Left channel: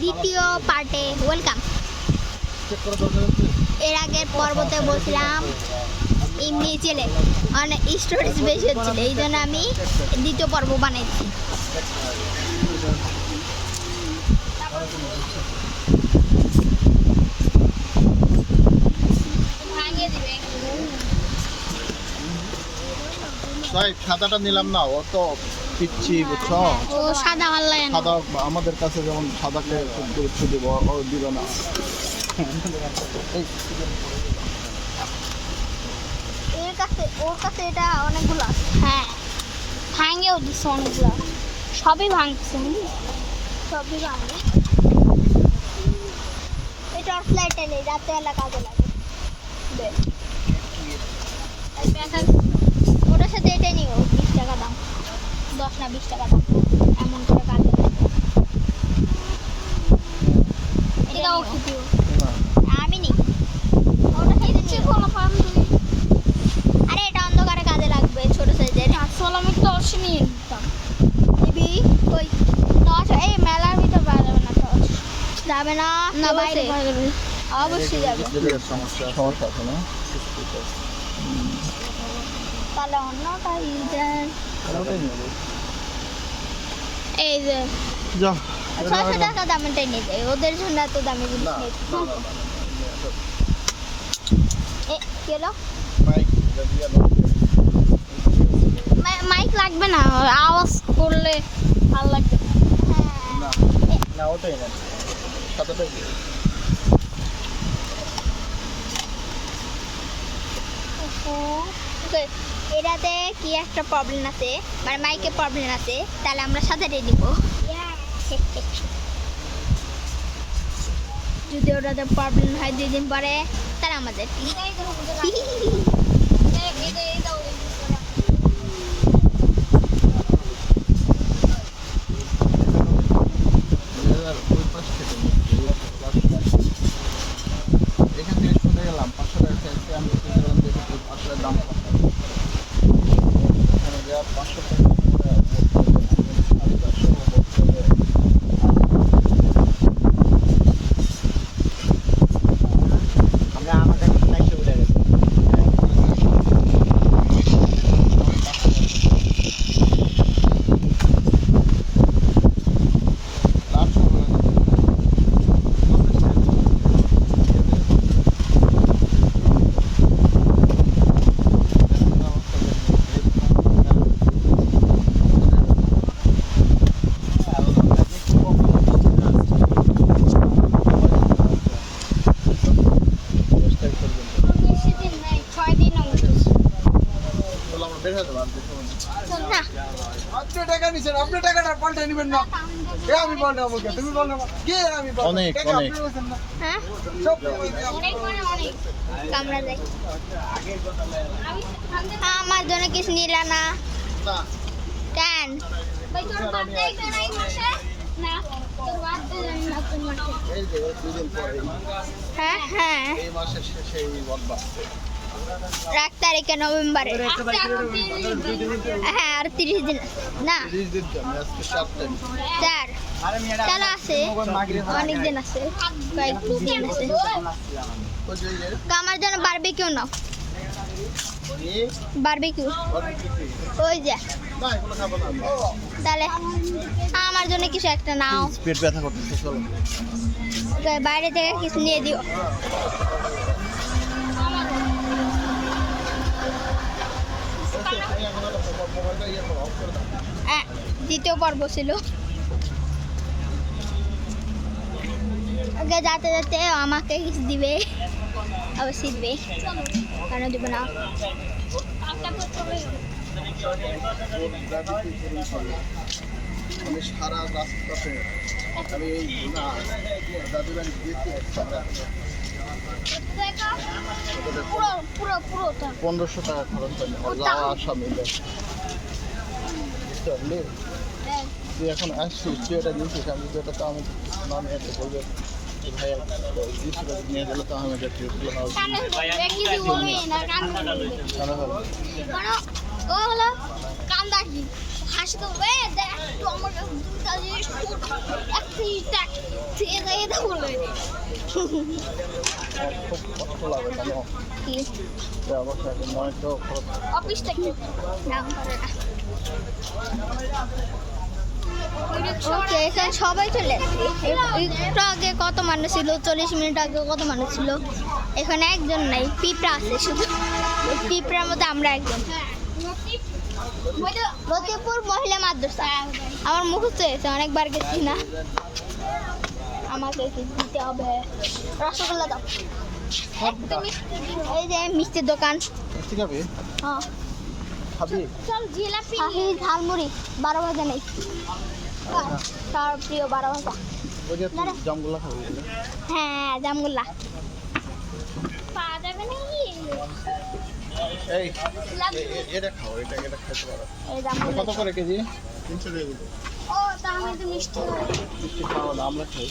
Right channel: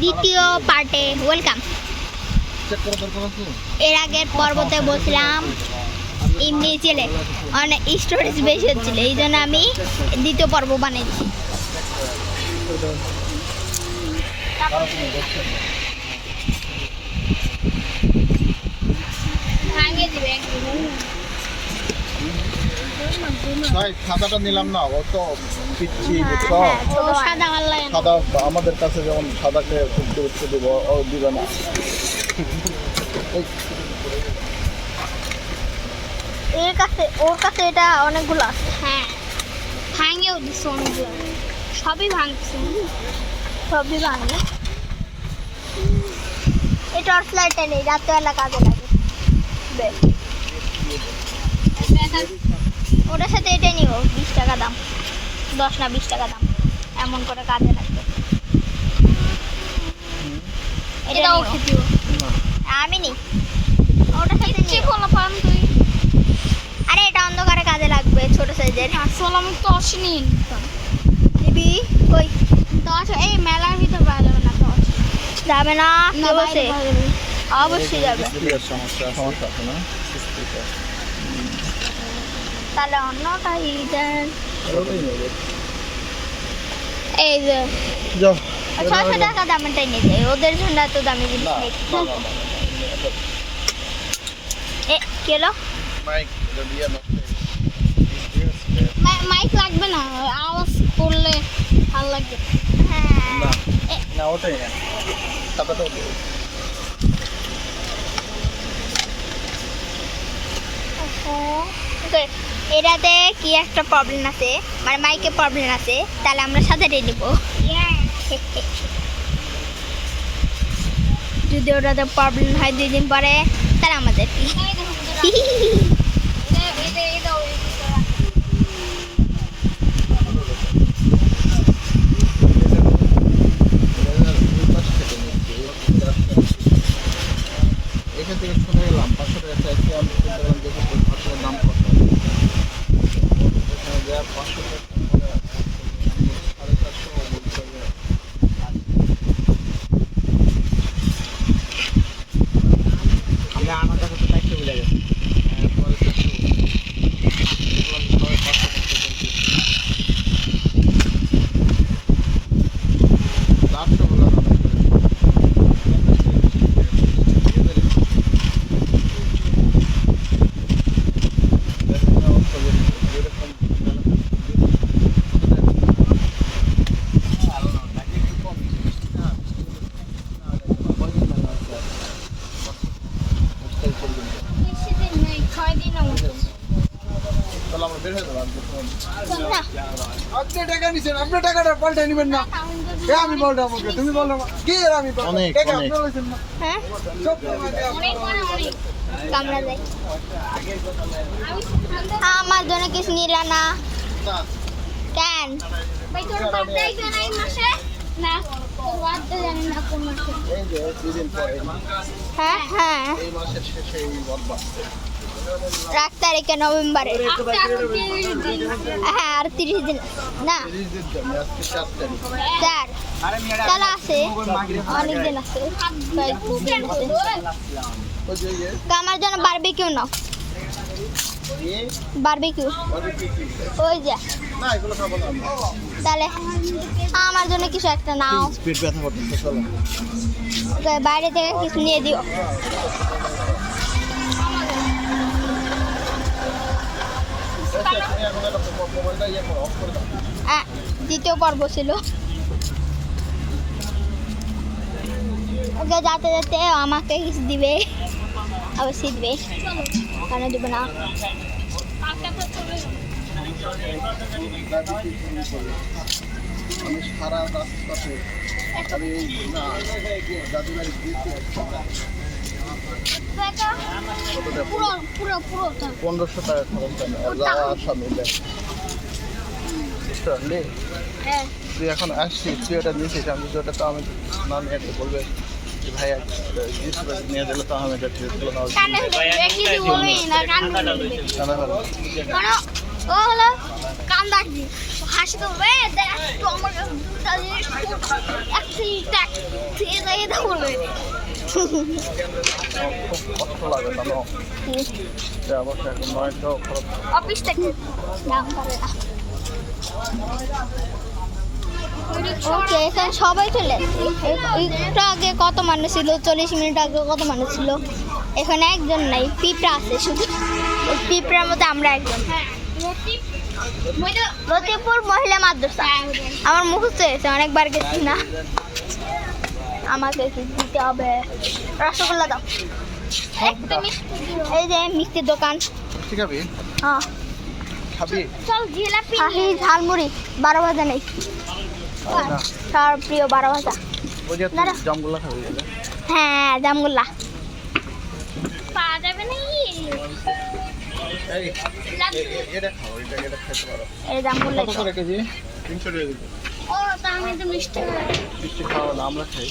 দ্বিতীয় পার্টে ওয়েলকাম। এর আগের পর্বতে বলছিলাম এমনি চলে অনেক স্টোরেজ বেশি হচ্ছিল, এই জন্য আমি দ্বিতীয় পর্ব বানাইছি। সাদাটা নিলাম না, অত পিচ্ছি সাদা সাদা আমাদের কাছে যেমন সাদাকে খুব গুরুত্ব দিব, দিবে না। ওর কাছে এটা অনেকগুলো আছে। হ্যাঁ, ভাঙেও দিচ্ছে অনেকগুলো, সবই ভাঙছে, সবই ভাঙে। এই টর্চ লাইটটা নেই, রাত্রেবেলা কাজে লাগে। ওটার সাথে এটাই নিও, 20 টাকা দাম, 10 না 20 টাকা দাম, এমন করে কাজে লাগে। এটাও দিও, আমি নি ওটার সাথে নিয়ে খোলা পাম তুই। আরে এটা অন্ধকারে কাজে লাগবে, ছোট সাইজের। আসলে আমি টর্চ নিয়ে নিতাম। এবি কই টর্চ? এই মেলার ভিতর পাওয়া যাবে না টর্চ। যাবে না? না বসে অবশ্যই যাবে। সমস্যা আছে না? তাহলে অন্যটা দেন। এই যে 600 টাকা দামেরটাই নিয়ে যায়, ওদের জন্য এত দামি জিনিস নেই। এ কি হলো? মাইক লাগবে না, আওয়াজ করলে ভালো লাগবে। হ্যাঁ না ওটাই না, সাদাটাও এটাতে কি একটা প্রবলেম আছে, মানে মাইকে প্রবলেম আছে, তাহলে আমরা সাদাটাই নিব। যদি ওটাতে প্রবলেম হয় 2 দিন পরে, তাহলে আমাদের কি? এখান থেকে শুনে গেলাম 500 টাকা চাইছি, আমি দেখি আসলে দাম কত। এখানে যা 500 টাকা আমি আমার কাছে লাইটে ভুলে গেছি। আপনি টাকা নিছেন, আপনি টাকাটা পাল্টে নেবেন না। আমি পাল্টাবো, তুমি পাল্টাবো কি? আমি টাকা আপনি লইছেন না। হ্যাঁ কামড়া যায়। আমার জন্য কিছু নিলা না কেন? হ্যাঁ হ্যাঁ, এই মাসের শেষে এই বলবা 1 তারিখে নভেম্বরে। হ্যাঁ আর 30 দিন না, 30 দিন তো, আজকে 4 তারিখ। 4 তাহলে আছে, অনেক দিন আছে, কয়েকদিন আছে। আমার জন্য বারবিকিউ নাও, বারবিকিউ ওই যে। না এগুলো খাবো না আমরা। তাহলে আমার জন্য কিছু একটা নাও। পেট ব্যথা করতেছে, চলো। ওকে বাইরে থেকে কিছু নিয়ে দিও। তুমি এখন একটা মোবাইলটা ইয়ে করো, অফ করে দাও। দ্বিতীয় পর্ব ছিল। ওকে যাতে যাতে আমাকে কিছু দিবে, অবশ্যই দিবে, কেন দিবে না? আমি সারা রাস্তাতে আমি এই না দাদু বাড়ি দিয়েছি 1500 টাকা খরচ হয় না, যাওয়া আসা মিলে। বুঝতে পারলি? তুই এখন আসছিস, তুই ওটা নিয়েছিস, আমি যদি ওটা তো আমি না নিয়ে একটা বলবে ভাই নিয়ে দিলে তো আমি এটা ঠিক হলো না। হাসি তো খুব কষ্ট লাগে জানো যে অবশ্য এখন 900 খরচ। অফিস থেকে দাম করে না। ওকে, এখানে সবাই চলে আসছে। একটু আগে কত মানুষ ছিল, 40 মিনিট আগে কত মানুষ ছিল। এখানে একজন নাই, পিঁপড়া আছে শুধু। ওই পিঁপড়ার মধ্যে আমরা একজন। লতিপুর মহিলা মাদ্রাসা আমার মুখস্থ হয়েছে, অনেকবার গেছি না। আমাকে কি দিতে হবে? রসগোল্লা দাও। এই যে মিষ্টির দোকান। মিষ্টি খাবি? হ্যাঁ খাবি? চল জিলাপি শাহি ঝালমুড়ি 12 ভাজা নেই। না তার প্রিয় 12 ভাজা। ওই যে তুই জামগুলা খাবি বলে। হ্যাঁ জামগুল্লা পাওয়া যাবে নাকি? এই এটা খাও, এটা খেতে পারো। এই জামগুল্লা কত করে কেজি? 300 টাকা দিবো। ও তা আমি তো মিষ্টি মিষ্টি খাওয়া না, আমরা খাই।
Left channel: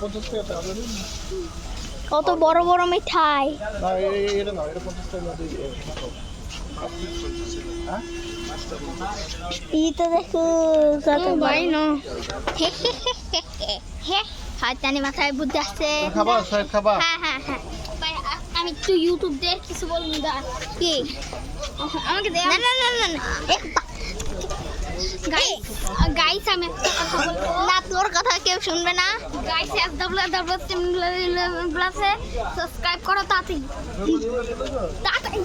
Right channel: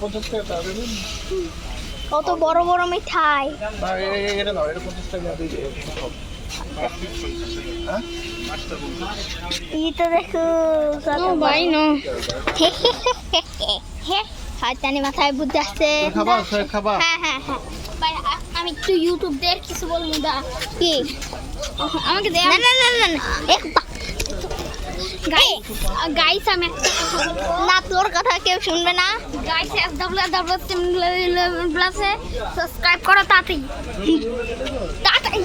50 টাকা তা দেবেন? কত বড় বড় মিঠাই। না এটা নাও, এটা 50 টাকা দিয়ে খাও। হ্যাঁ ই তো দেখো ভাই না হাতানি মাথায় বুদ্ধি আসছে। খাবা সব খাবা? হ্যাঁ হ্যাঁ হ্যাঁ ভাই আমি একটু ইউটিউব দিয়ে কিছু বলবো না কি আমাকে দে। না না না না গাইস আমি একটা কথা বলবো না, তোর কথা কেউ শুনবে না। গাইস www.simulator+এ সাবস্ক্রাইব করো তাড়াতাড়ি তাড়াতাড়ি।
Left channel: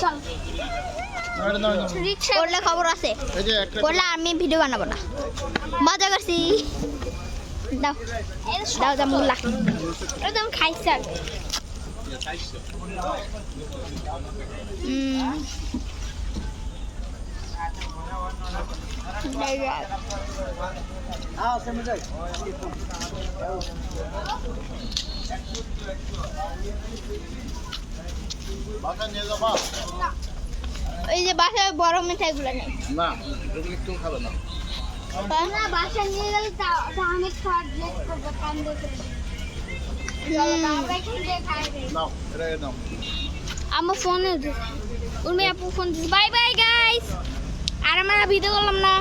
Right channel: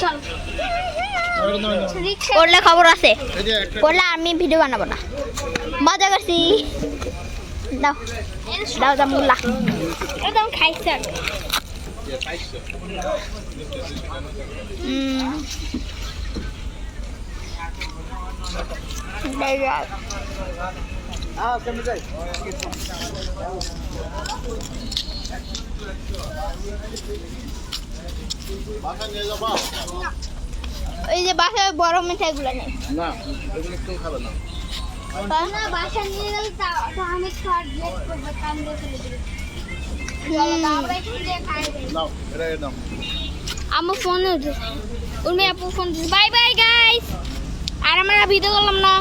চল করলে খবর আছে, এই যে একটা করলে আমি ভিডিও বানাবো না। মজা করছি। দাও দাও জামুল্লা, একদম খাইছি আগে। কেমন যাই? বাসা নিয়ে যাবা? ওই যে বাসায় বড় মিঠাইগুলো নেই না, এগুলো কেউ খাবে না। না, বাসা নিয়ে গেলে আমি খাওয়ার লেট করবো, কান্দে ফেলে দিই। নাও, এটা নাও। আমার ফোনে উর্মি আপু ফোন দিচ্ছে। Bye bye guys. আর আমরা ভিডিও করলাম না।